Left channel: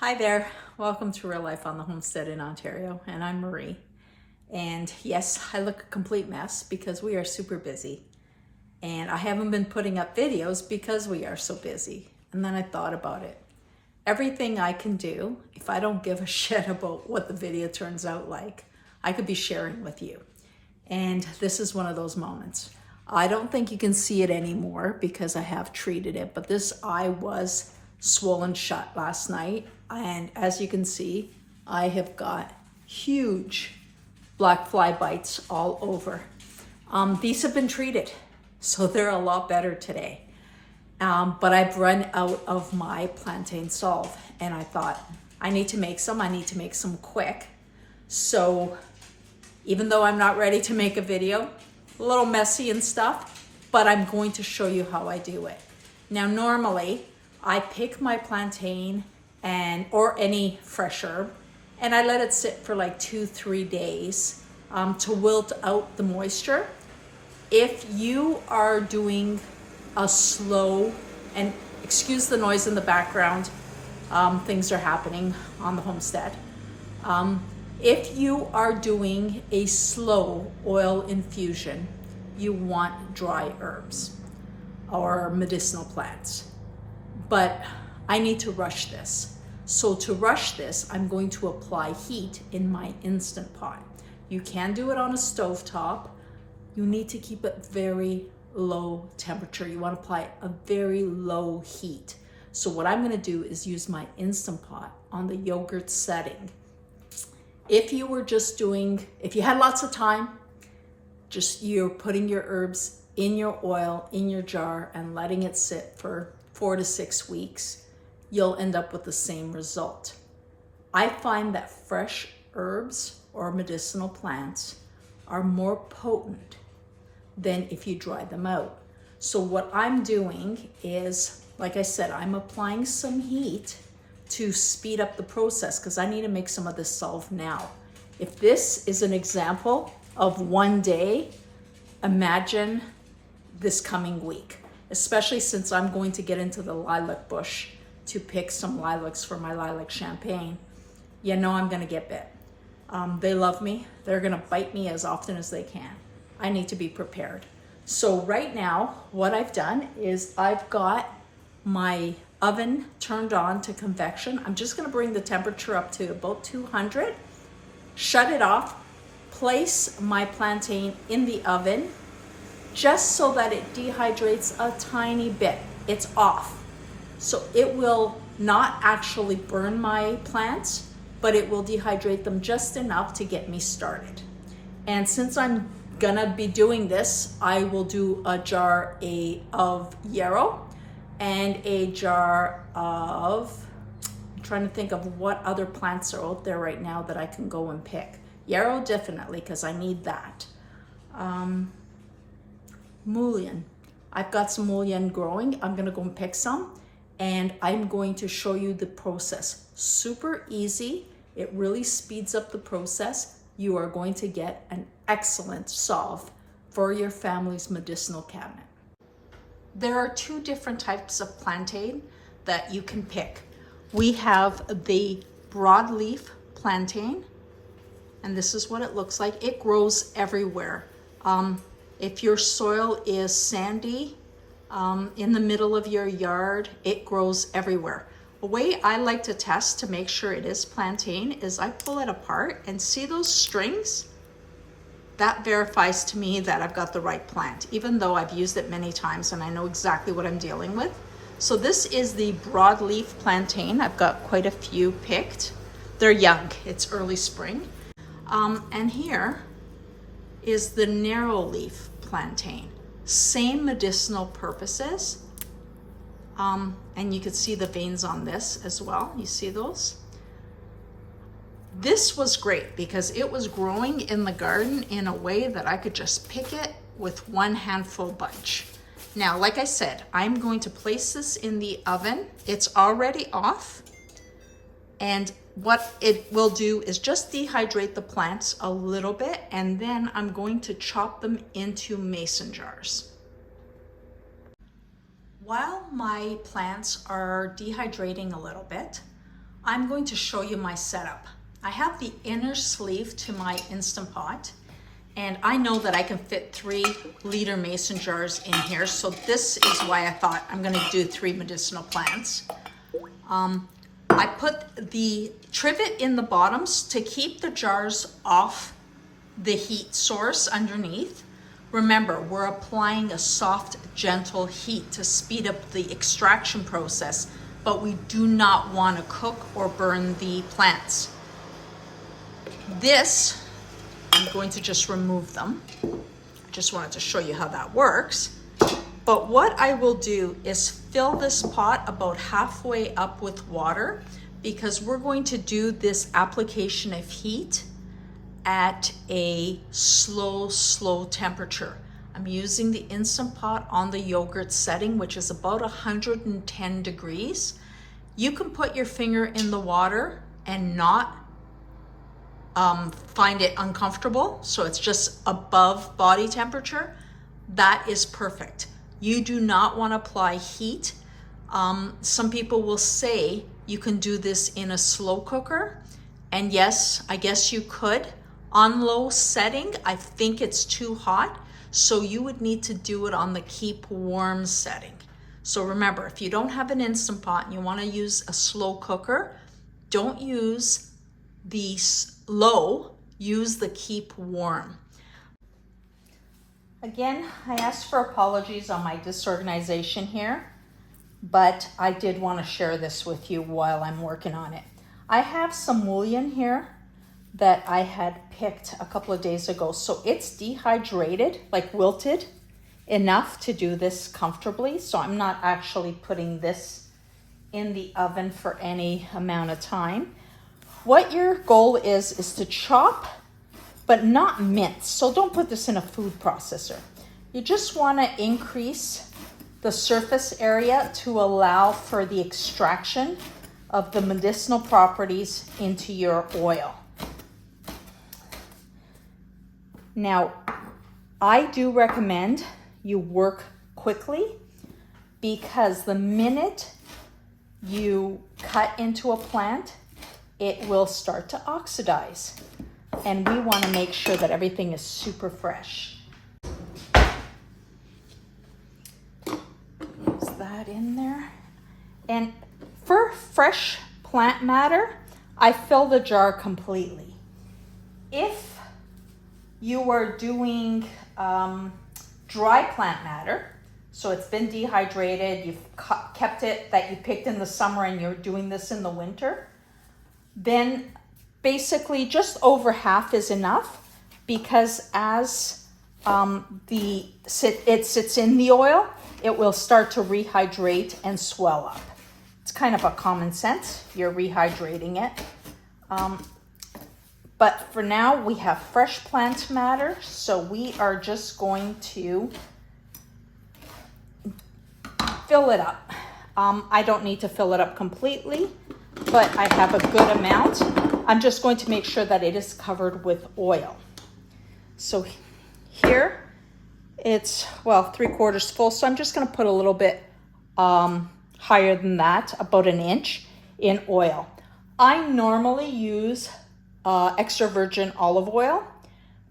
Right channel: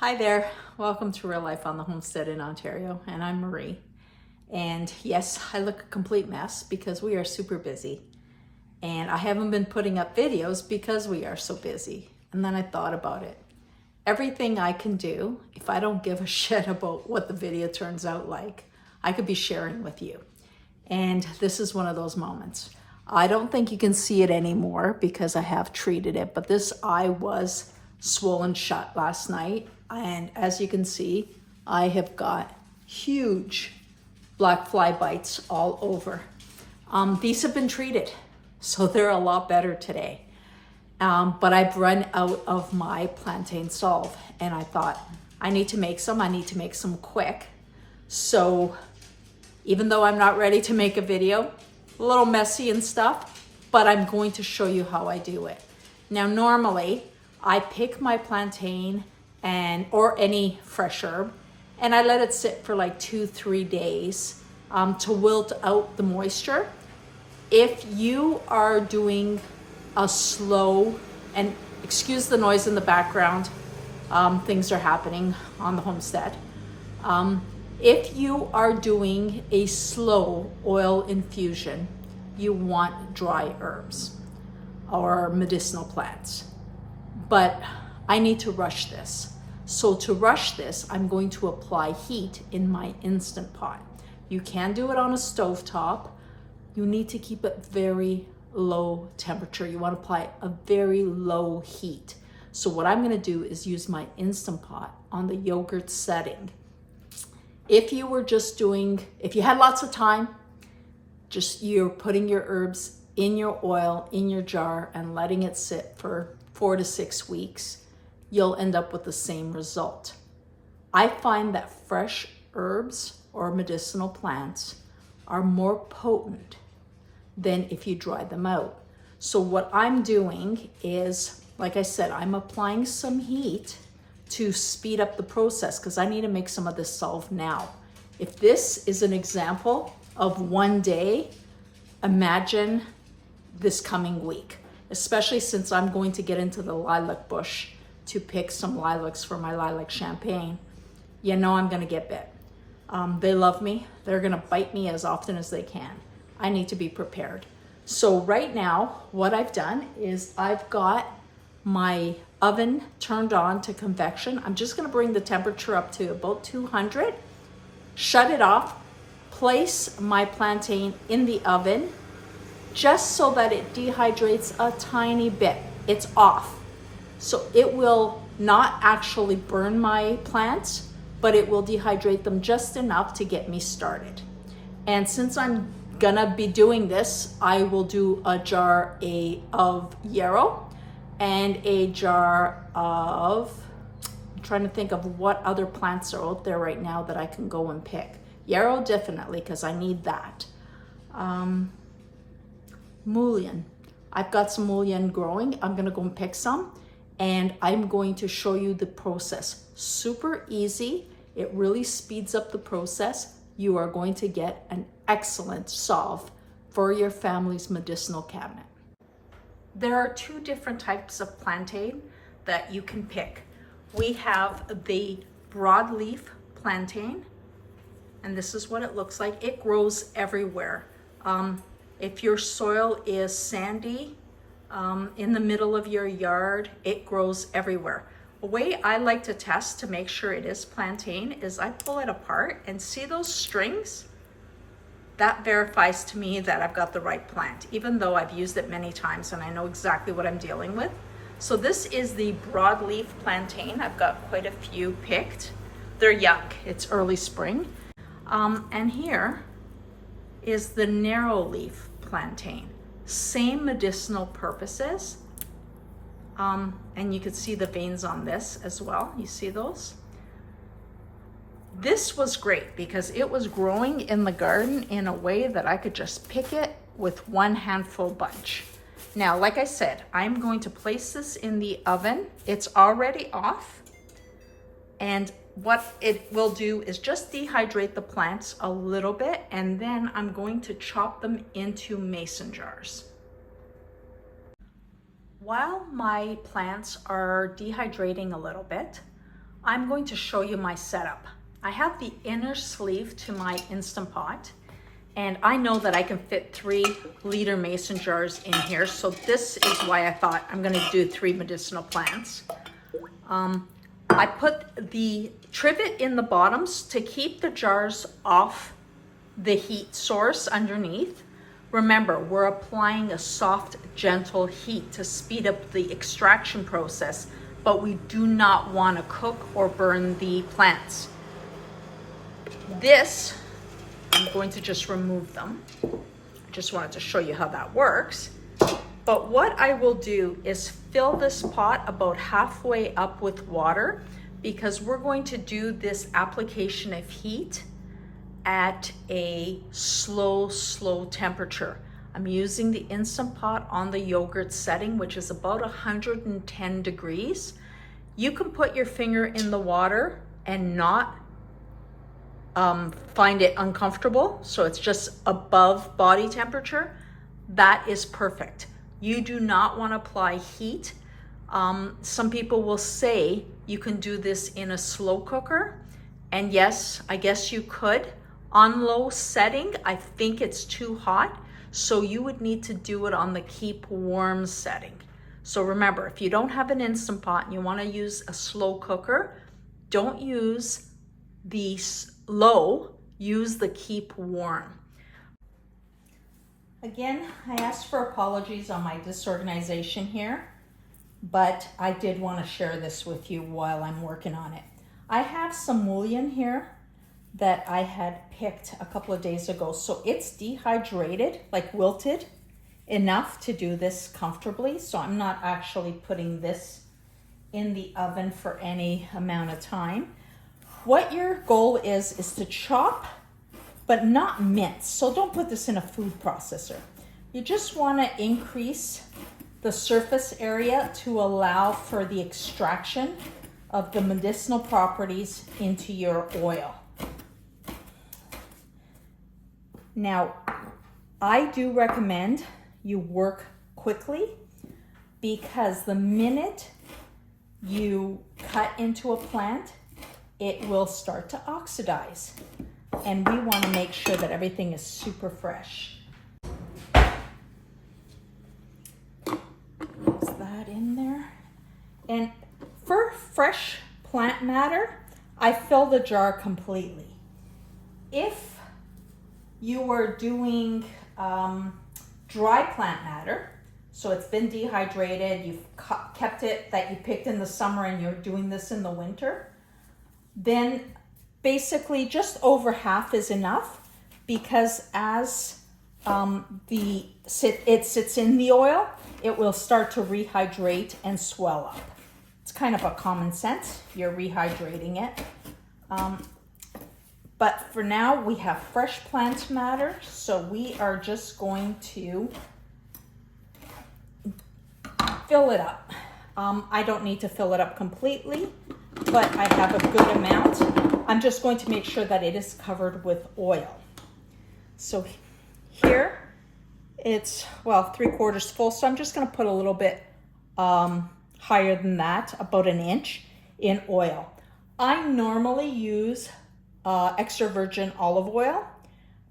Hi there, welcome to Real Life on the Homestead in Ontario, and I'm Marie. And yes, I look a complete mess because we are super busy. And I haven't been putting up videos because we are so busy. And then I thought about it. Everything I can do, if I don't give a shit about what the video turns out like, I could be sharing with you. And this is one of those moments. I don't think you can see it anymore because I have treated it, but this eye was swollen shut last night. And as you can see, I have got huge black fly bites all over. These have been treated, so they're a lot better today. But I've run out of my Plantain Salve, and I thought, I need to make some quick. So even though I'm not ready to make a video, a little messy and stuff, but I'm going to show you how I do it. Now, normally I pick my plantain or any fresh herb, and I let it sit for like 2-3 days to wilt out the moisture. If you are doing a slow, and excuse the noise in the background, things are happening on the homestead. If you are doing a slow oil infusion, you want dry herbs or medicinal plants. But I need to rush this. So to rush this, I'm going to apply heat in my Instant Pot. You can do it on a stovetop. You need to keep it very low temperature. You want to apply a very low heat. So what I'm going to do is use my Instant Pot on the yogurt setting. If you were just if you had lots of time, you're putting your herbs in your oil, in your jar, and letting it sit for 4 to 6 weeks, you'll end up with the same result. I find that fresh herbs or medicinal plants are more potent than if you dry them out. So what I'm doing is, like I said, I'm applying some heat to speed up the process because I need to make some of this salve now. If this is an example of one day, imagine this coming week, especially since I'm going to get into the lilac bush to pick some lilacs for my lilac champagne. You know I'm gonna get bit. They love me. They're gonna bite me as often as they can. I need to be prepared. So right now, what I've done is I've got my oven turned on to convection. I'm just gonna bring the temperature up to about 200, shut it off, place my plantain in the oven just so that it dehydrates a tiny bit. It's off. So it will not actually burn my plants, but it will dehydrate them just enough to get me started. And since I'm gonna be doing this, I will do a jar of Yarrow and a jar of, I'm trying to think of what other plants are out there right now that I can go and pick. Yarrow definitely, because I need that. Mullein. I've got some mullein growing. I'm gonna go and pick some, and I'm going to show you the process. Super easy. It really speeds up the process. You are going to get an excellent salve for your family's medicinal cabinet. There are 2 different types of plantain that you can pick. We have the broadleaf plantain, and this is what it looks like. It grows everywhere. If your soil is sandy, in the middle of your yard, it grows everywhere. The way I like to test to make sure it is plantain is I pull it apart and see those strings? That verifies to me that I've got the right plant, even though I've used it many times and I know exactly what I'm dealing with. So this is the broadleaf plantain. I've got quite a few picked. They're young, it's early spring. And here is the narrow leaf plantain. Same medicinal purposes. And you can see the veins on this as well. You see those? This was great because it was growing in the garden in a way that I could just pick it with one handful bunch. Now, like I said, I'm going to place this in the oven. It's already off. And what it will do is just dehydrate the plants a little bit, and then I'm going to chop them into mason jars. While my plants are dehydrating a little bit, I'm going to show you my setup. I have the inner sleeve to my Instant Pot, and I know that I can fit 3-liter mason jars in here, so this is why I thought I'm gonna do 3 medicinal plants. I put the trivet in the bottoms to keep the jars off the heat source underneath. Remember, we're applying a soft, gentle heat to speed up the extraction process, but we do not want to cook or burn the plants. This, I'm going to just remove them. I just wanted to show you how that works. But what I will do is fill this pot about halfway up with water, because we're going to do this application of heat at a slow temperature. I'm using the Instant Pot on the yogurt setting, which is about 110 degrees. You can put your finger in the water and not find it uncomfortable, so it's just above body temperature. That is perfect. You do not want to apply heat. Some people will say you can do this in a slow cooker, and yes, I guess you could. On low setting, I think it's too hot, so you would need to do it on the keep warm setting. So remember, if you don't have an Instant Pot and you want to use a slow cooker, don't use the low, use the keep warm. Again, I ask for apologies on my disorganization here, but I did want to share this with you while I'm working on it. I have some mullein here that I had picked a couple of days ago. So it's dehydrated, like wilted enough to do this comfortably. So I'm not actually putting this in the oven for any amount of time. What your goal is to chop, but not mince. So don't put this in a food processor. You just want to increase the surface area to allow for the extraction of the medicinal properties into your oil. Now, I do recommend you work quickly, because the minute you cut into a plant, it will start to oxidize. And we want to make sure that everything is super fresh. Use that in there. And for fresh plant matter, I fill the jar completely. If you are doing dry plant matter, so it's been dehydrated, you've kept it that you picked in the summer and you're doing this in the winter, then basically just over half is enough, because as it sits in the oil, it will start to rehydrate and swell up. It's kind of a common sense, you're rehydrating it. But for now, we have fresh plant matter, so we are just going to fill it up. I don't need to fill it up completely, but I have a good amount. I'm just going to make sure that it is covered with oil. So here, it's, well, 3/4 full, so I'm just gonna put a little bit higher than that, about 1 inch in oil. I normally use extra virgin olive oil,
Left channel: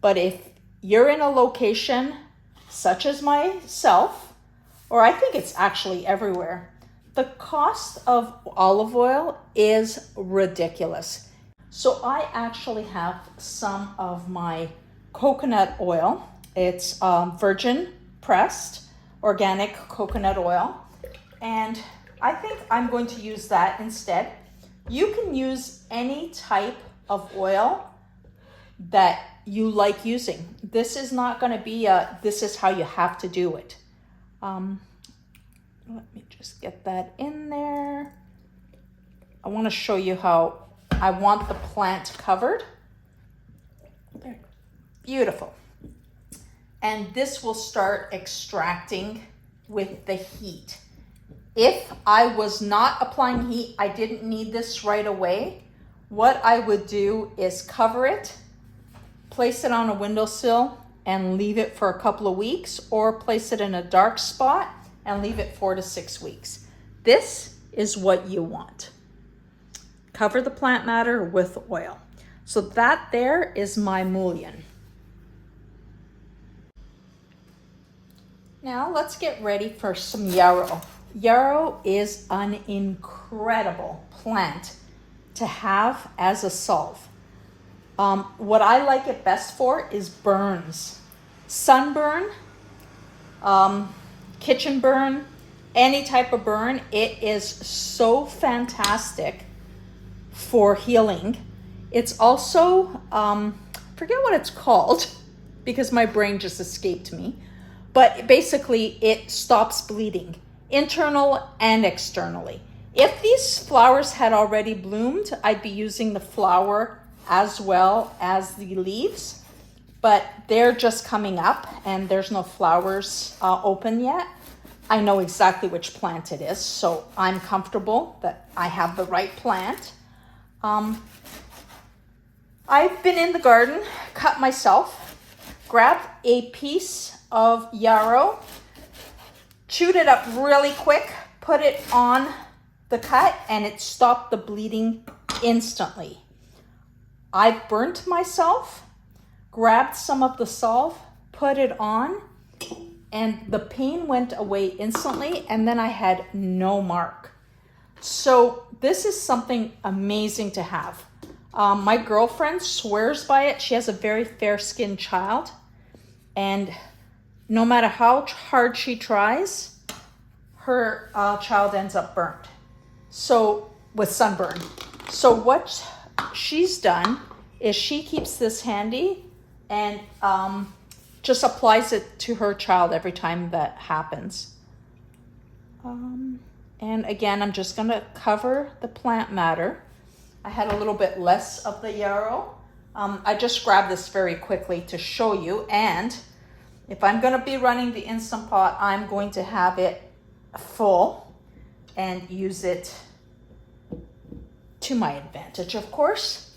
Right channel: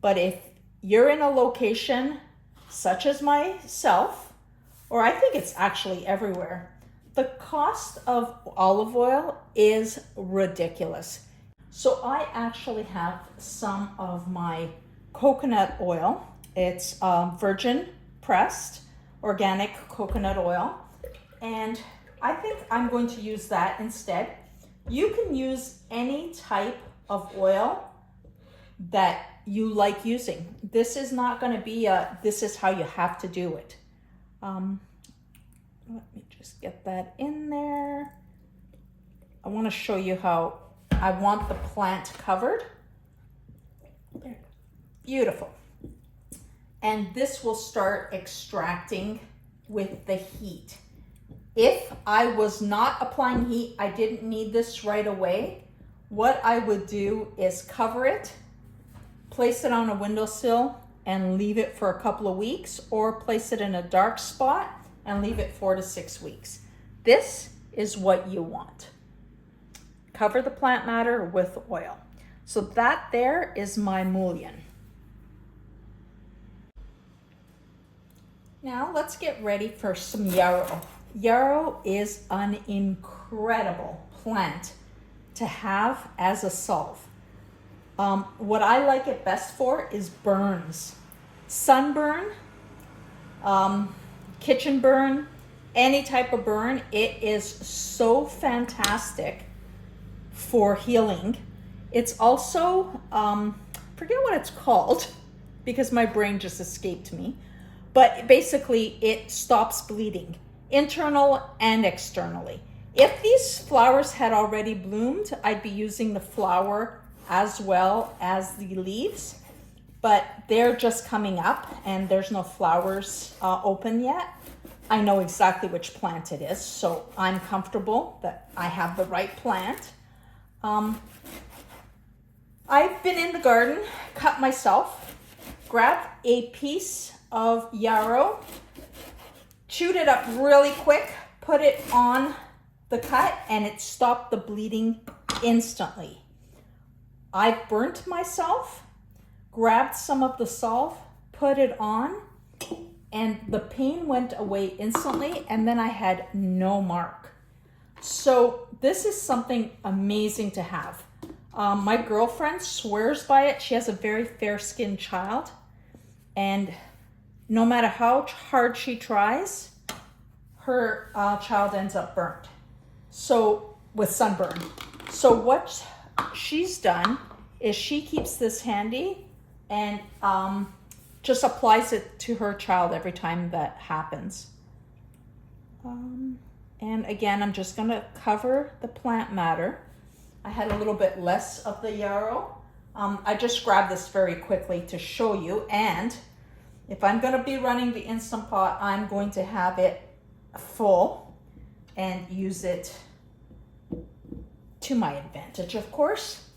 but if you're in a location such as myself, or I think it's actually everywhere, the cost of olive oil is ridiculous. So I actually have some of my coconut oil. It's virgin pressed organic coconut oil, and I think I'm going to use that instead. You can use any type of oil that you like using. This is not going to be this is how you have to do it. Let me just get that in there. I want to show you how I want the plant covered. There. Beautiful. And this will start extracting with the heat. If I was not applying heat, I didn't need this right away, what I would do is cover it, place it on a windowsill, and leave it for a couple of weeks, or place it in a dark spot and leave it 4 to 6 weeks. This is what you want. cover the plant matter with oil. So that there is my mullion. Now let's get ready for some yarrow. Yarrow is an incredible plant to have as a salve. What I like it best for is burns. Sunburn, kitchen burn, any type of burn. It is so fantastic for healing. It's also, forget what it's called because my brain just escaped me, but basically it stops bleeding, internal and externally. If these flowers had already bloomed, I'd be using the flower as well as the leaves, but they're just coming up and there's no flowers open yet. I know exactly which plant it is, so I'm comfortable that I have the right plant. I've been in the garden, cut myself, grabbed a piece of yarrow, chewed it up really quick, put it on the cut, and it stopped the bleeding instantly. I burnt myself, grabbed some of the salve, put it on, and the pain went away instantly, and then I had no mark. So this is something amazing to have. My girlfriend swears by it. She has a very fair-skinned child, and no matter how hard she tries, her child ends up burnt. So with sunburn. So what she's done is she keeps this handy and just applies it to her child every time that happens. And again, I'm just gonna cover the plant matter. I had a little bit less of the yarrow. I just grabbed this very quickly to show you, and if I'm gonna be running the Instant Pot, I'm going to have it full and use it to my advantage. Of course,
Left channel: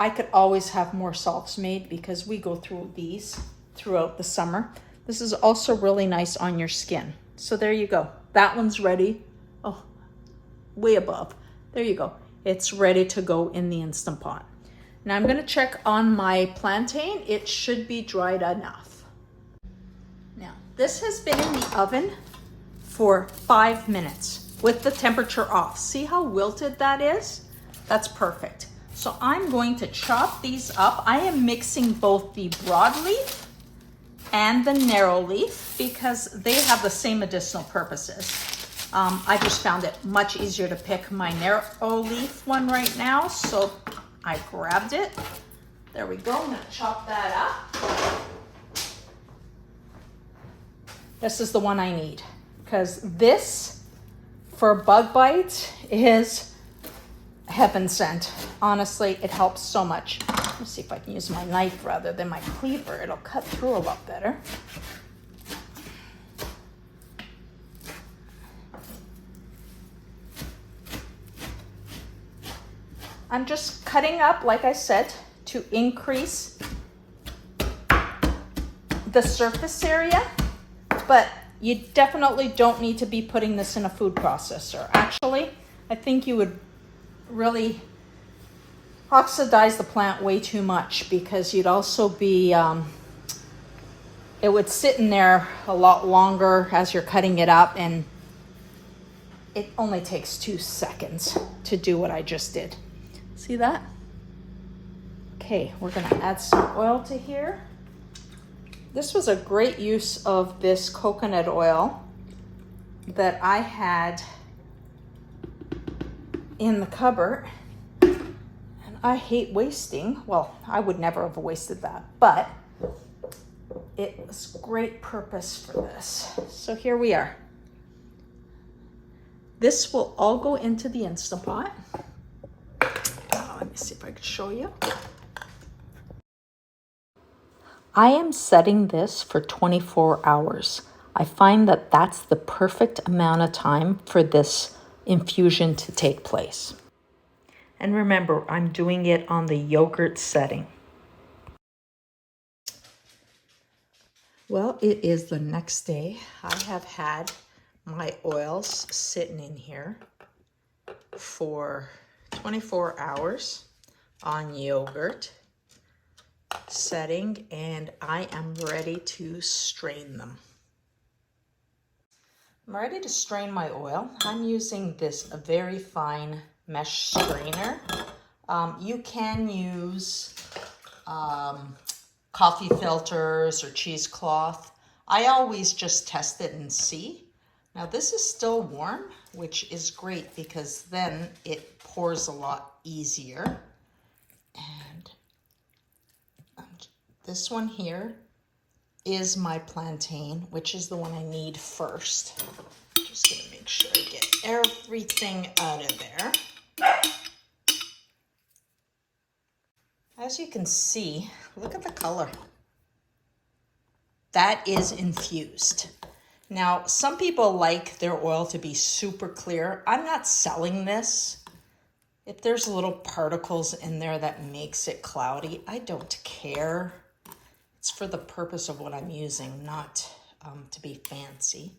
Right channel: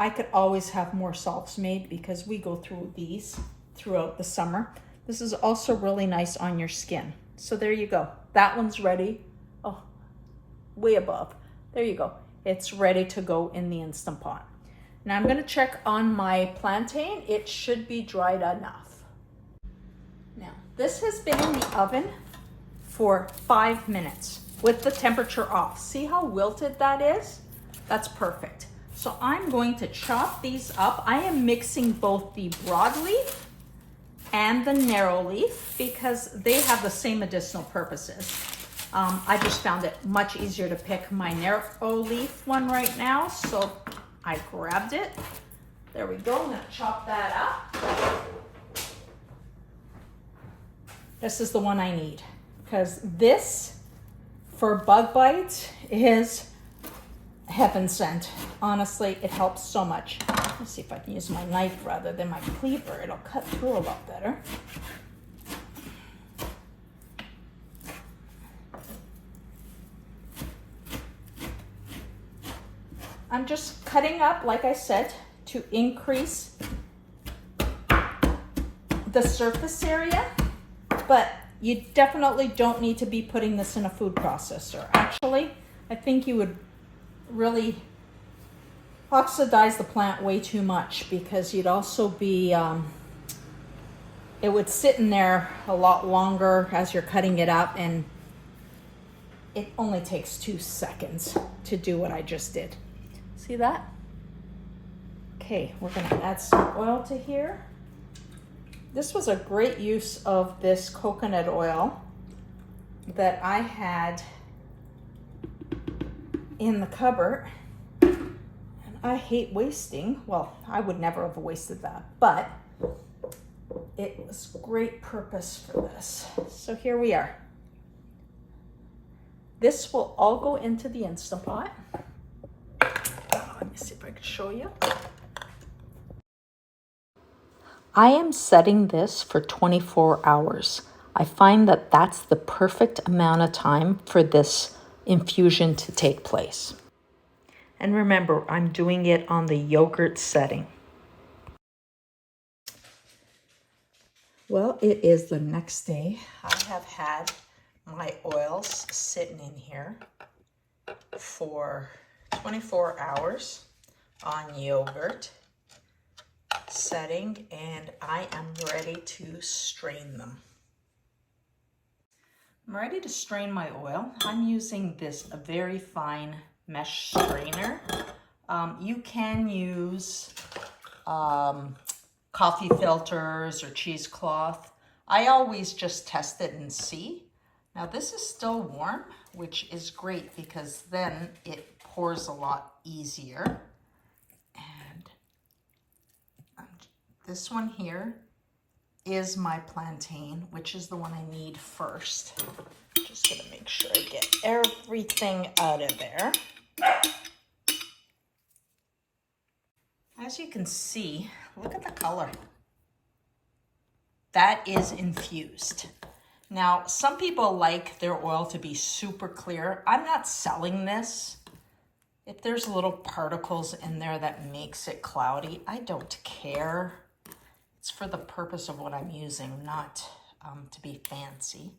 I could always have more salves made because we go through these throughout the summer. This is also really nice on your skin. So there you go. That one's ready. Oh, way above. There you go. It's ready to go in the Instant Pot. Now I'm gonna check on my plantain. It should be dried enough. Now, this has been in the oven for 5 minutes with the temperature off. See how wilted that is? That's perfect. So I'm going to chop these up. I am mixing both the broadleaf and the narrow leaf because they have the same medicinal purposes. I just found it much easier to pick my narrow leaf one right now, so I grabbed it. There we go. I'm gonna chop that up. This is the one I need because this for bug bite is heaven sent. Honestly, it helps so much. Let's see if I can use my knife rather than my cleaver. It'll cut through a lot better. I'm just cutting up, like I said, to increase the surface area, but you definitely don't need to be putting this in a food processor. Actually, I think you would really oxidize the plant way too much because you'd also be, it would sit in there a lot longer as you're cutting it up, and it only takes 2 seconds to do what I just did. See that? Okay, we're gonna add some oil to here. This was a great use of this coconut oil that I had in the cupboard. And I hate wasting. Well, I would never have wasted that, but it was great purpose for this. So here we are. This will all go into the Instant Pot. Let me see if I can show you. I am setting this for 24 hours. I find that that's the perfect amount of time for this infusion to take place. And remember, I'm doing it on the yogurt setting. Well, it is the next day. I have had my oils sitting in here for 24 hours on yogurt setting, and I am ready to strain them. I'm ready to strain my oil. I'm using this very fine mesh strainer. You can use coffee filters or cheesecloth. I always just test it and see. Now this is still warm, which is great because then it pours a lot easier. And this one here is my plantain, which is the one I need first. Just gonna make sure I get everything out of there. As you can see, look at the color. That is infused. Now, some people like their oil to be super clear. I'm not selling this. If there's little particles in there that makes it cloudy, I don't care. It's for the purpose of what I'm using, not to be fancy.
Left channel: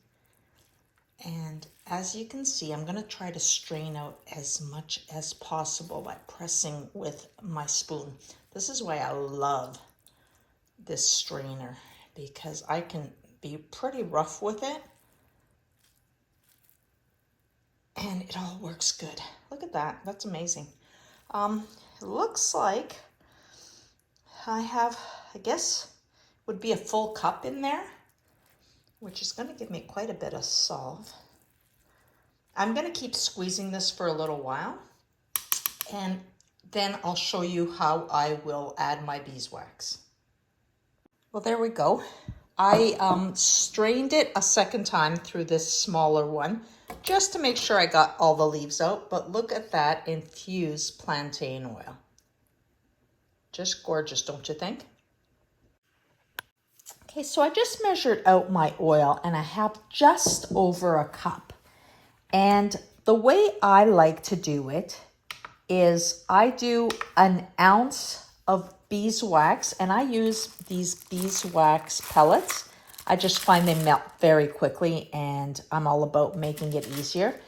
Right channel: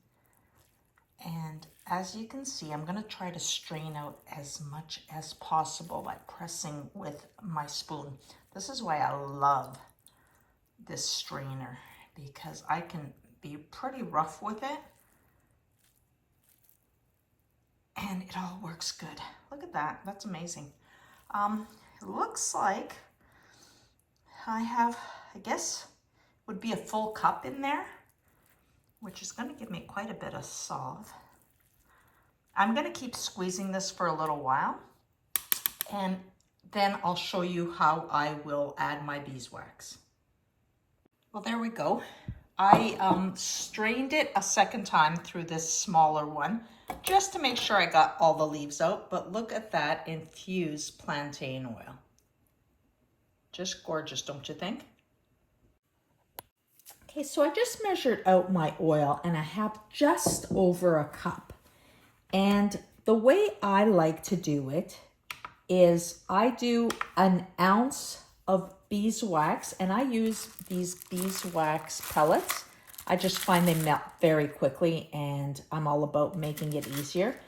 And as you can see, I'm gonna try to strain out as much as possible by pressing with my spoon. This is why I love this strainer, because I can be pretty rough with it. And it all works good. Look at that, that's amazing. It looks like I have, I guess, would be a full cup in there, which is gonna give me quite a bit of salve. I'm gonna keep squeezing this for a little while, and then I'll show you how I will add my beeswax. Well, there we go. I strained it a second time through this smaller one, just to make sure I got all the leaves out, but look at that infused plantain oil. Just gorgeous, don't you think? Okay, so I just measured out my oil and I have just over a cup. And the way I like to do it is I do an ounce of beeswax, and I use these beeswax pellets. I just find they melt very quickly, and I'm all about making it easier.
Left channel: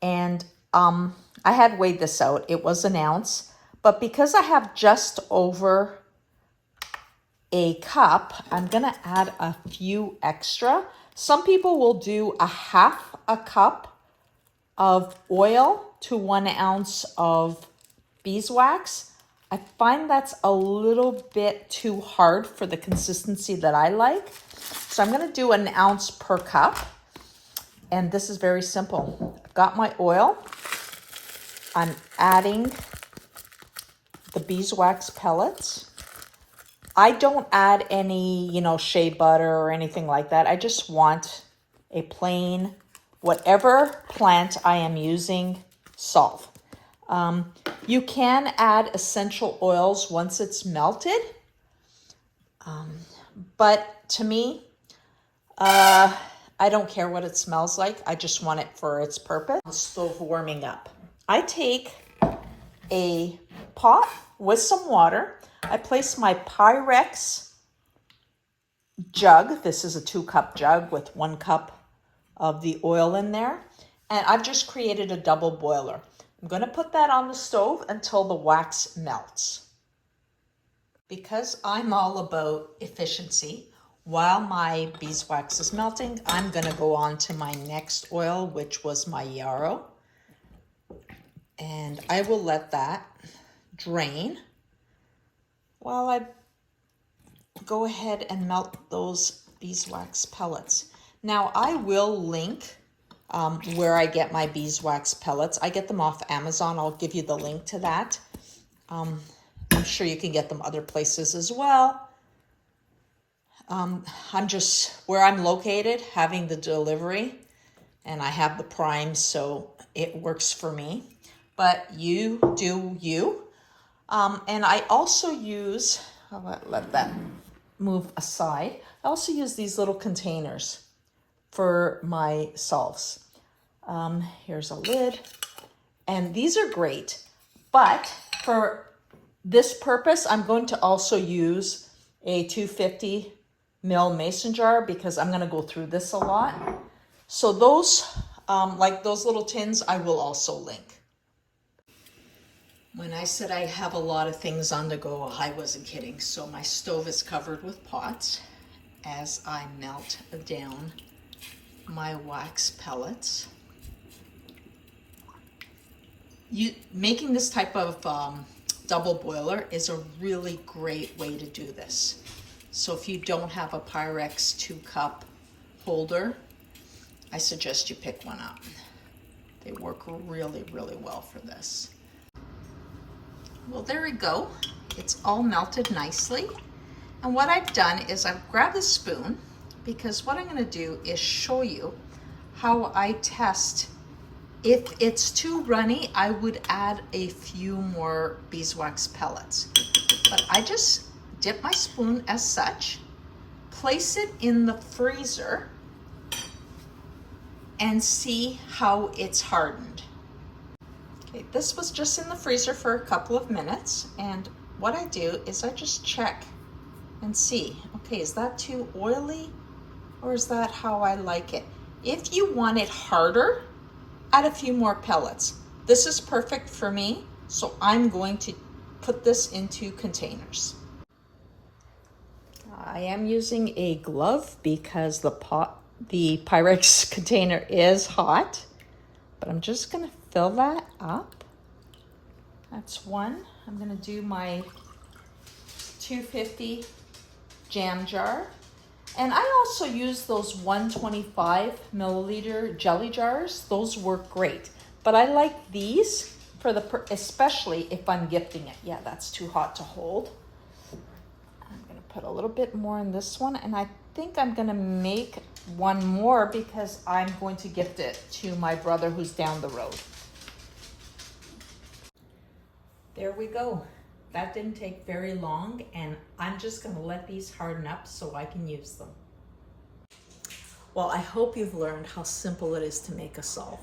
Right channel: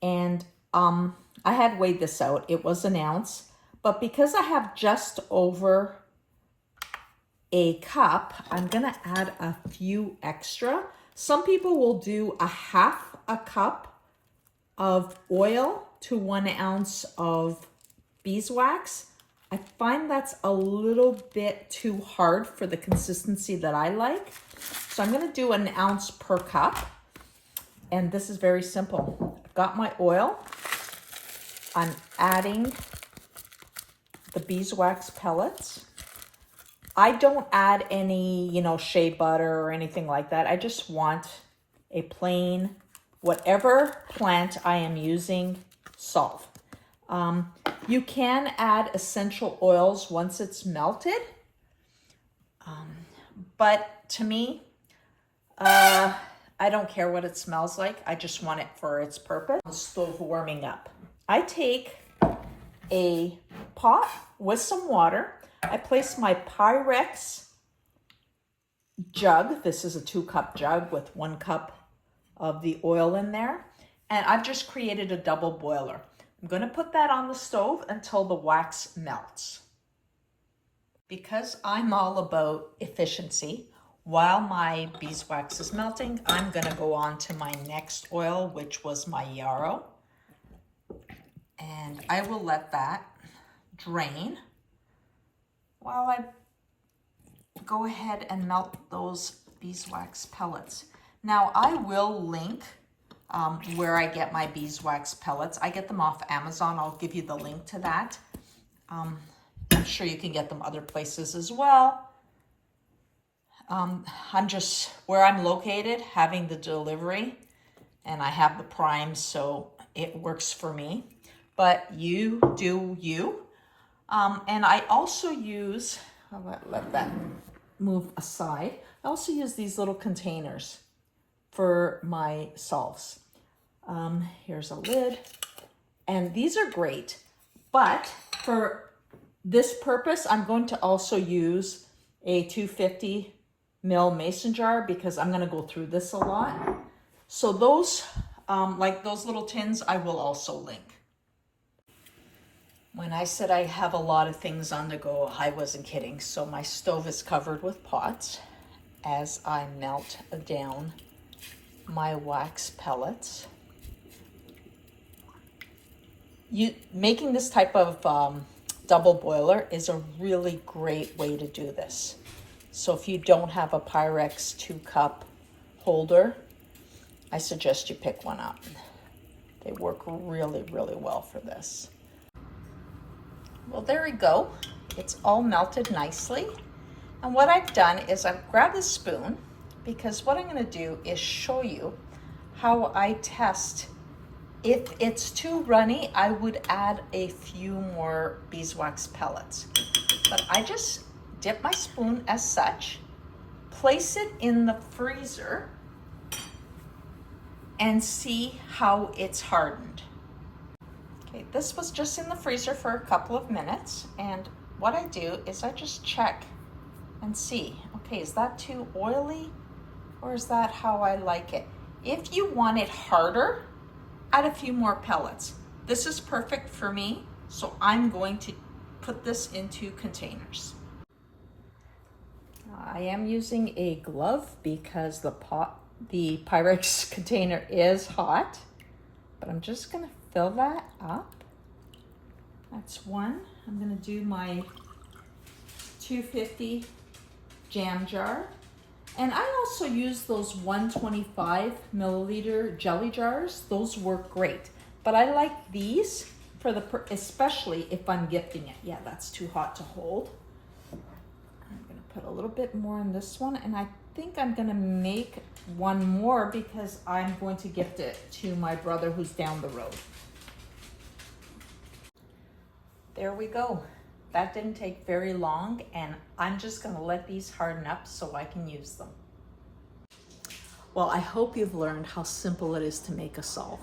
And I had weighed this out. It was an ounce, but because I have just over a cup, I'm gonna add a few extra. Some people will do a half a cup of oil to 1 ounce of beeswax. I find that's a little bit too hard for the consistency that I like. So I'm gonna do an ounce per cup. And this is very simple. I've got my oil. I'm adding the beeswax pellets. I don't add any, shea butter or anything like that. I just want a plain, whatever plant I am using, salve. You can add essential oils once it's melted. But to me, I don't care what it smells like. I just want it for its purpose. The stove warming up. I take a pot with some water. I place my Pyrex jug. This is a 2-cup jug with 1 cup of the oil in there. And I've just created a double boiler. I'm gonna put that on the stove until the wax melts. Because I'm all about efficiency, while my beeswax is melting, I'm gonna go on to my next oil, which was my Yarrow. And I will let that drain while I go ahead and melt those beeswax pellets. Now I will link where I get my beeswax pellets. I get them off Amazon. I'll give you the link to that. I'm sure you can get them other places as well. I'm just, where I'm located, having the delivery, and I have the Prime, so it works for me. But you do you. And I also use, I'll let that move aside. I also use these little containers for my salves. Here's a lid, and these are great, but for this purpose, I'm going to also use a 250 ml mason jar because I'm going to go through this a lot. So those, like those little tins, I will also link. When I said I have a lot of things on the go, I wasn't kidding. So my stove is covered with pots as I melt down my wax pellets. Making this type of double boiler is a really great way to do this. So if you don't have a Pyrex 2-cup holder, I suggest you pick one up. They work really, really well for this. Well, there we go. It's all melted nicely. And what I've done is I've grabbed a spoon, because what I'm going to do is show you how I test. If it's too runny, I would add a few more beeswax pellets. But I just dip my spoon as such, place it in the freezer, and see how it's hardened. Okay, this was just in the freezer for a couple of minutes, and what I do is I just check and see, okay, is that too oily or is that how I like it? If you want it harder, add a few more pellets. This is perfect for me, so I'm going to put this into containers. I am using a glove because the Pyrex container is hot, but I'm just gonna fill that up. That's one. I'm gonna do my 250 jam jar. And I also use those 125 milliliter jelly jars. Those work great. But I like these for especially if I'm gifting it. Yeah, that's too hot to hold. I'm gonna put a little bit more in this one, and I think I'm gonna make one more because I'm going to gift it to my brother who's down the road. There we go. That didn't take very long, and I'm just gonna let these harden up so I can use them. Well, I hope you've learned how simple it is to make a salve.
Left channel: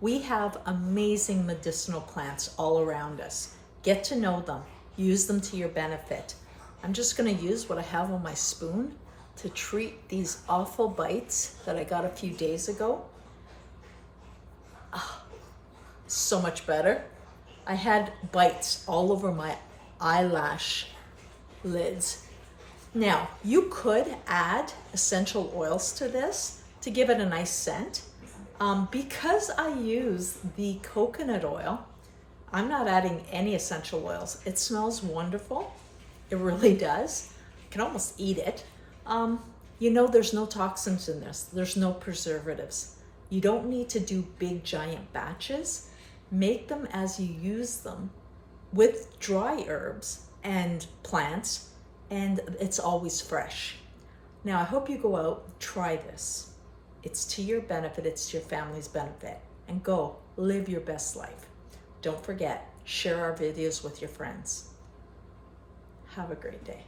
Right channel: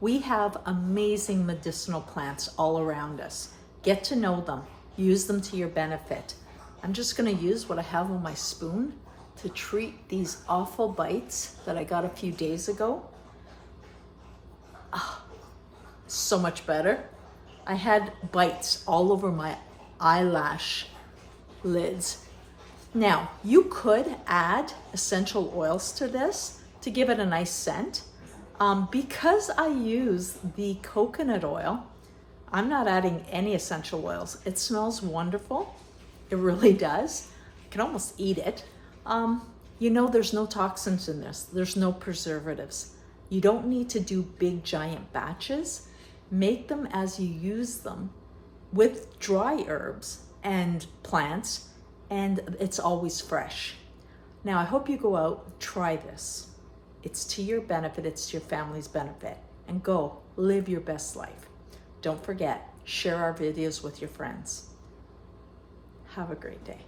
We have amazing medicinal plants all around us. Get to know them, use them to your benefit. I'm just gonna use what I have on my spoon to treat these awful bites that I got a few days ago. Oh, so much better. I had bites all over my eyelash lids. Now, you could add essential oils to this to give it a nice scent. Because I use the coconut oil, I'm not adding any essential oils. It smells wonderful. It really does. You can almost eat it. You know, there's no toxins in this. There's no preservatives. You don't need to do big giant batches. Make them as you use them with dry herbs and plants, and it's always fresh. Now, I hope you go out, try this. It's to your benefit, it's to your family's benefit, and go live your best life. Don't forget, share our videos with your friends. Have a great day.